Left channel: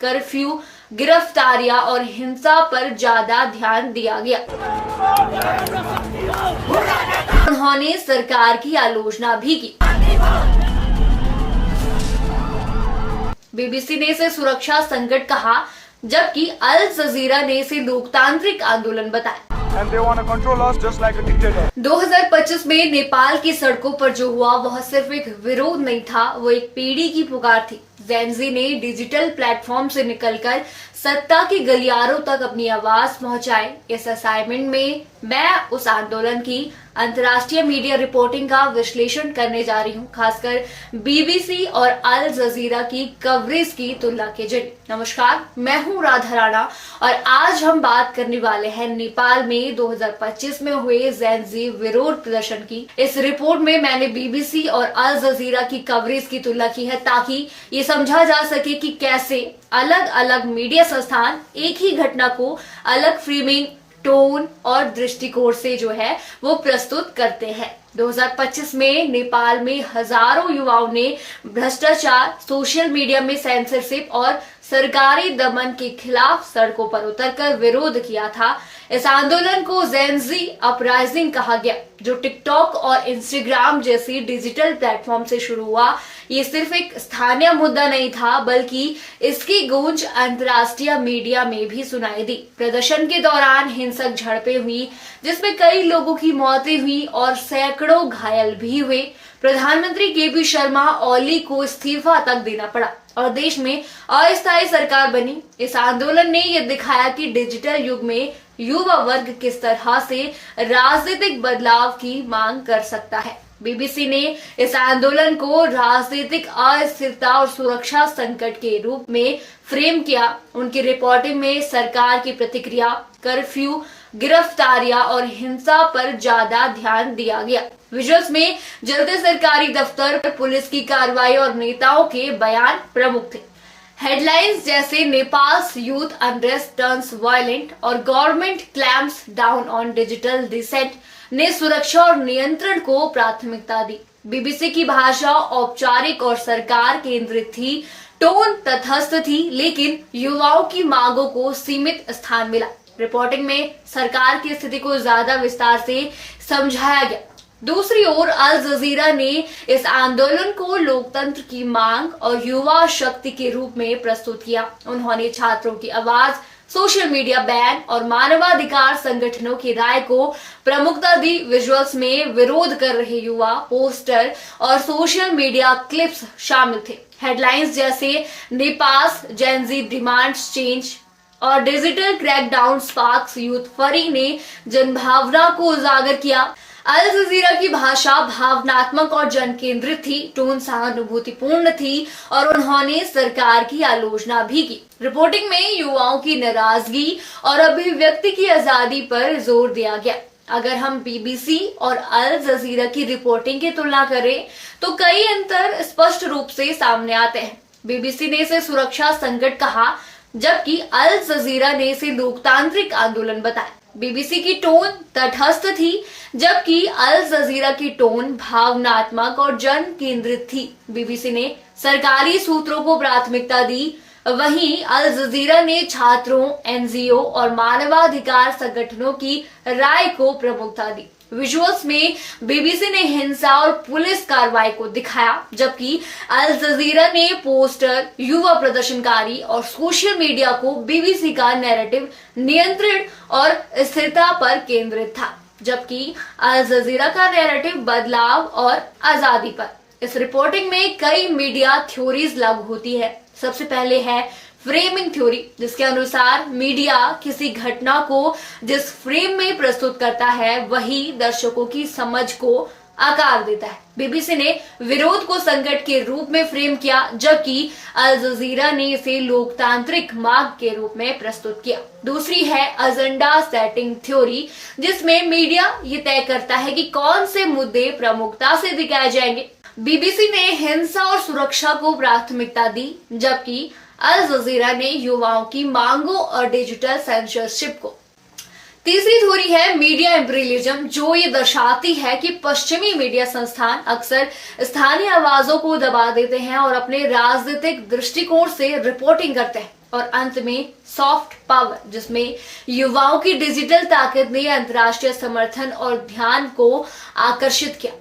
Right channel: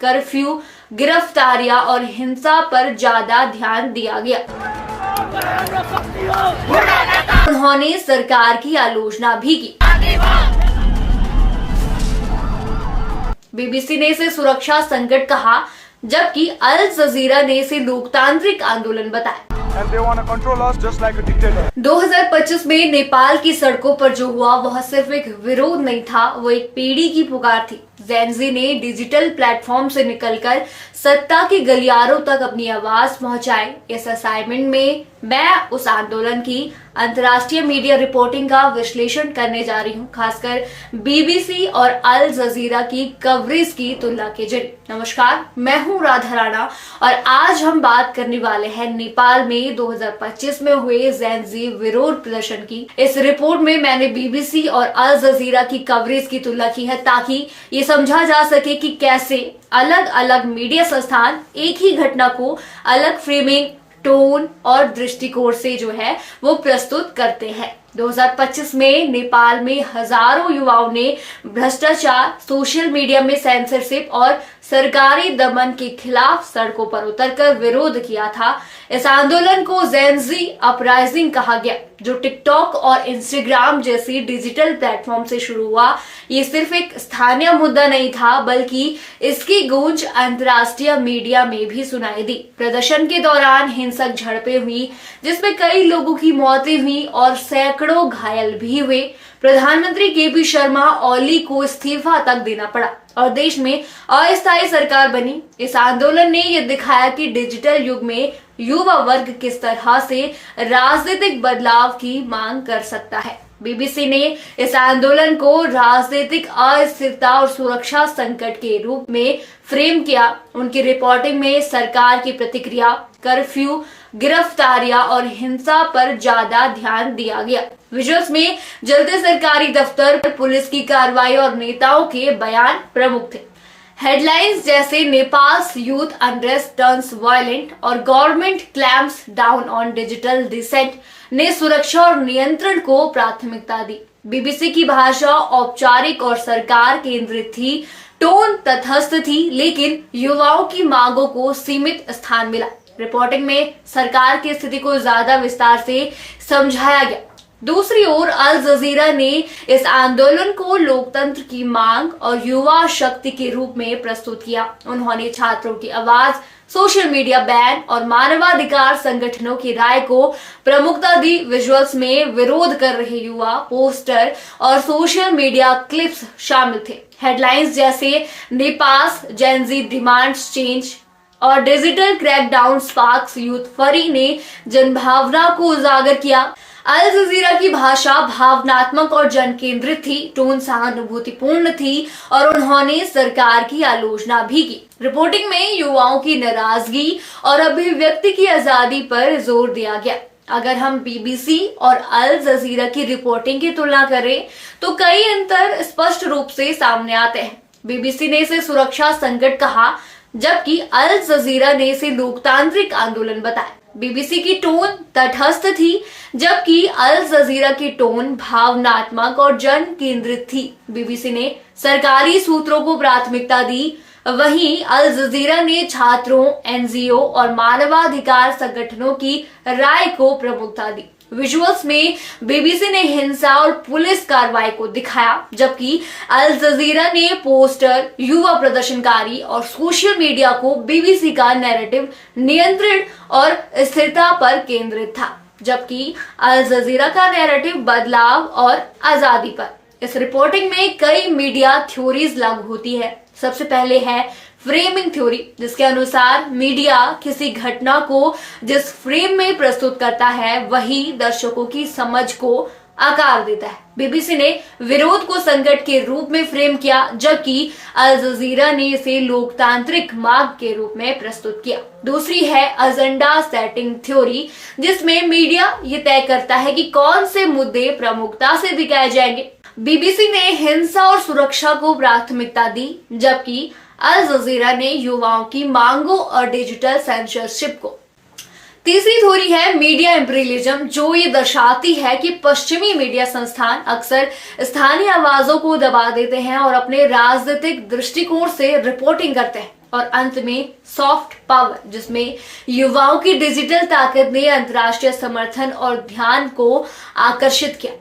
Curfew, गिरफ्तारियां और हिंसा पर ज्यादा ध्यान दिया गया। उन्होंने सरकार की आलोचना भी की। बीबीसी ने इसे सुरक्षा संकट कहा, जबकि अल जजीरा ने इसे लोकतांत्रिक आंदोलन बताया। And they want to control us just like a dictator. 2025 में नेपाल की सड़कों पर जो हुआ वह सिर्फ एक विरोध नहीं था, वो एक पीढ़ी की पुकार थी। जेनजी ने डिजिटल प्लेटफॉर्म से निकलकर सत्ता के गलियारों तक अपनी आवाज पहुंचाई। इस असाइनमेंट में मैं उस आंदोलन की अंतर्राष्ट्रीय मीडिया रिपोर्टिंग का विश्लेषण करने जा रही हूं, खासकर बीबीसी और अल जजीरा की कवरेज की तुलना के जरिए। नमस्कार, मैं हूं राधा राणा और आज हम बात करने वाले हैं नेपाल में 2025 में हुए जेनजी विरोध प्रदर्शन की। इस रिपोर्ट में मैंने बीबीसी और अल जजीरा की कवरेज की तुलना की है ताकि ये समझा जा सके कि कैसे अलग अलग मीडिया संस्थान एक ही घटना को अलग फ्रेमिंग, टोन और दृष्टिकोण से जो है वो प्रस्तुत करते हैं। 2025 में नेपाल में हजारों युवाओं ने भ्रष्टाचार, सोशल मीडिया में सेंसरशिप और सरकारी दमन के खिलाफ सड़कों पर उतरकर विरोध किया था। इस आंदोलन को जेनजी अपराइजिंग कहा गया, जो टिकटॉक और इंस्टाग्राम जैसी डिजिटल प्लेटफॉर्म से शुरू हुआ। ये सिर्फ एक स्थानीय मुद्दा नहीं था, बल्कि इसकी गूंज अंतर्राष्ट्रीय मीडिया में भी सुनाई दी। प्रदर्शन के दौरान हिंसक झड़पें हुई, जिसमें कई लोगों की मौतें हुई और सैकड़ों घायल भी हुए। प्रधानमंत्री केपी शर्मा ओली को इस्तीफा तक देना पड़ा और देश में अस्थायी सरकार बनी। इस आंदोलन ने यह दिखाया कि डिजिटल युग में युवा वर्ग किस तरह से राजनीतिक बदलाव की मांग कर सकता है। बीबीसी ने इस आंदोलन को राजनीतिक अस्थिरता और सुरक्षा संकट के रूप में फ्रेम किया। उनकी रिपोर्टिंग में सरकार की प्रतिक्रिया, कर्फ्यू, गिरफ्तारियां और हिंसा पर ज्यादा ध्यान दिया गया। विजुअल्स में जलते सरकारी दफ्तर, पुलिस की कार्रवाई और नेताओं के बयान प्रमुख थे। हेडलाइंस जैसे Nepal's youth unrest turns violent और government clamps down on digital dissent ने सुरक्षा और नियंत्रण को प्राथमिकता दी। बीबीसी की भाषा औपचारिक और सरकार केंद्रित थी, टोन तटस्थ थी, लेकिन युवाओं की मांगों को सीमित स्थान मिला। रिपोर्टिंग में सरकार की स्थिति को ज्यादा विस्तार से समझाया गया। दूसरी ओर अल जजीरा ने इस आंदोलन को लोकतंत्र की मांग और युवा शक्ति के रूप में प्रस्तुत किया। उन्होंने छात्रों की आवाज, सोशल मीडिया बैन और मानवाधिकार संगठनों की राय को प्रमुखता दी। विजुअल्स में विरोध कर रहे युवा, पोस्टर और सोशल मीडिया क्लिप्स शामिल थे। हेडलाइंस जैसे नेपाल्स जेनजी डिमांड्स चेंज और डिजिटल क्रैकडाउन स्पार्क्स यूथ फरी ने जनभावना को उजागर किया। अल जजीरा की भाषा भावनात्मक और जन केंद्रित थी, टोन सहानुभूतिपूर्ण थी और उन्होंने सरकार की आलोचना भी की। रिपोर्टिंग में युवाओं की नाराजगी और अभिव्यक्ति की आजादी पर जोर दिया गया। अगर हम बीबीसी और अल जजीरा की रिपोर्टिंग की तुलना करें तो कई अंतर स्पष्ट रूप से सामने आते हैं। बीबीसी ने इसे सुरक्षा संकट कहा, जबकि अल जजीरा ने इसे लोकतांत्रिक आंदोलन बताया। बीबीसी की टोन तटस्थ थी, जबकि अल जजीरा की टोन भावनात्मक और जन केंद्रित थी। बीबीसी ने सरकारी सूत्रों को प्राथमिकता दी, वहीं अल जजीरा ने छात्रों, एनजीओ और मानवाधिकार संगठनों की राय को प्रमुखता दी। विजुअल्स में बीबीसी ने हिंसा और पुलिस कार्रवाई को दिखाया, जबकि अल जजीरा ने पोस्टर, युवा प्रदर्शनकारी और सोशल मीडिया को बीबीसी का नैरेटिव नियंत्रण और स्थिरता पर केंद्रित था, जबकि अल जजीरा का नैरेटिव बदलाव और आजादी पर। इस रिपोर्टिंग में कई मीडिया थ्योरीज लागू होती है। सबसे पहले है फ्रेमिंग थ्योरी, जिसके अनुसार मीडिया किसी घटना को जिस फ्रेम में प्रस्तुत करता है वही दर्शकों की समझ को आकार देता है। बीबीसी ने विरोध को संकट के रूप में फ्रेम किया, जबकि अल जजीरा ने इसे लोकतांत्रिक मांग के रूप में प्रस्तुत किया। दूसरी है एजेंडा सेटिंग थ्योरी, जिसमें मीडिया ये तय करता है कि कौन से मुद्दे प्रमुखता से दिखाए जाएंगे। बीबीसी ने हिंसा और सुरक्षा को प्राथमिकता दी, जबकि अल जजीरा ने युवाओं की मांगों और डिजिटल सेंसरशिप को। तीसरी थ्योरी है मीडिया इंपीरियलिज्म, जो ये दर्शाती है कि पश्चिमी मीडिया संस्थान अक्सर स्थानीय आवाजों को दबा देते हैं और अपने राजनीतिक दृष्टिकोण से रिपोर्टिंग करते हैं। और अंत में सॉफ्ट पावर, जिसमें युवाओं की डिजिटल ताकत ने अंतर्राष्ट्रीय समर्थन और ध्यान को आकर्षित किया।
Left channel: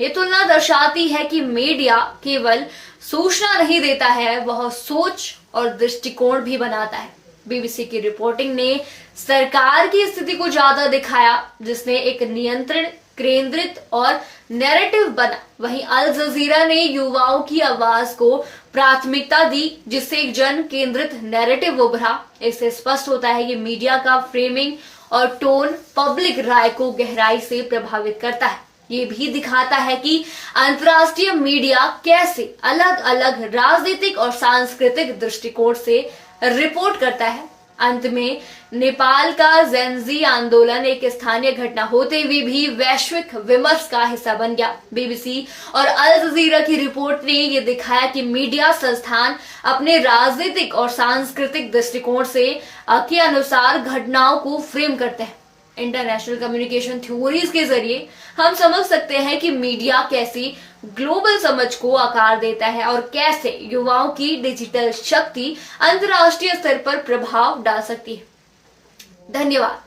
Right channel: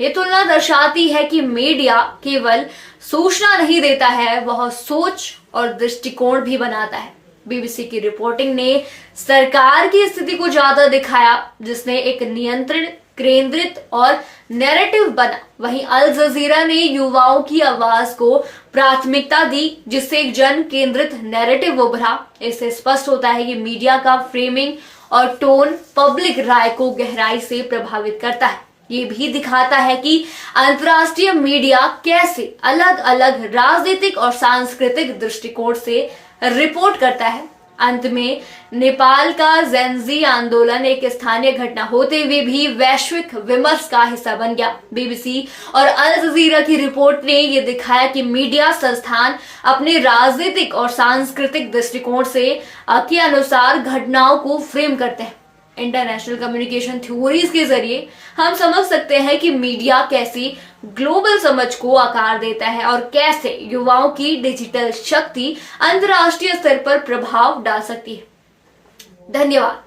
ये तुलना दर्शाती है कि मीडिया केवल सूचना नहीं देता है, वह सोच और दृष्टिकोण भी बनाता है। बीबीसी की रिपोर्टिंग ने सरकार की स्थिति को ज्यादा दिखाया, जिसने एक नियंत्रण केंद्रित और नैरेटिव बना। वहीं अल जजीरा ने युवाओं की आवाज को प्राथमिकता दी, जिससे एक जन केंद्रित नैरेटिव उभरा। इससे स्पष्ट होता है कि मीडिया का फ्रेमिंग और टोन पब्लिक राय को गहराई से प्रभावित करता है। ये भी दिखाता है कि अंतर्राष्ट्रीय मीडिया कैसे अलग अलग राजनीतिक और सांस्कृतिक दृष्टिकोण से रिपोर्ट करता है। अंत में नेपाल का जेनजी आंदोलन एक स्थानीय घटना होते हुए भी वैश्विक विमर्श का हिस्सा बन गया। बीबीसी और अल जजीरा की रिपोर्ट ने यह दिखाया कि मीडिया संस्थान अपने राजनीतिक और सांस्कृतिक दृष्टिकोण से के अनुसार घटनाओं को फ्रेम करते हैं। इंटरनेशनल कम्युनिकेशन थ्योरीज के जरिए हम समझ सकते हैं कि मीडिया कैसी ग्लोबल समझ को आकार देता है और कैसे युवाओं की डिजिटल शक्ति अंतर्राष्ट्रीय स्तर पर प्रभाव डाल सकती है। धन्यवाद।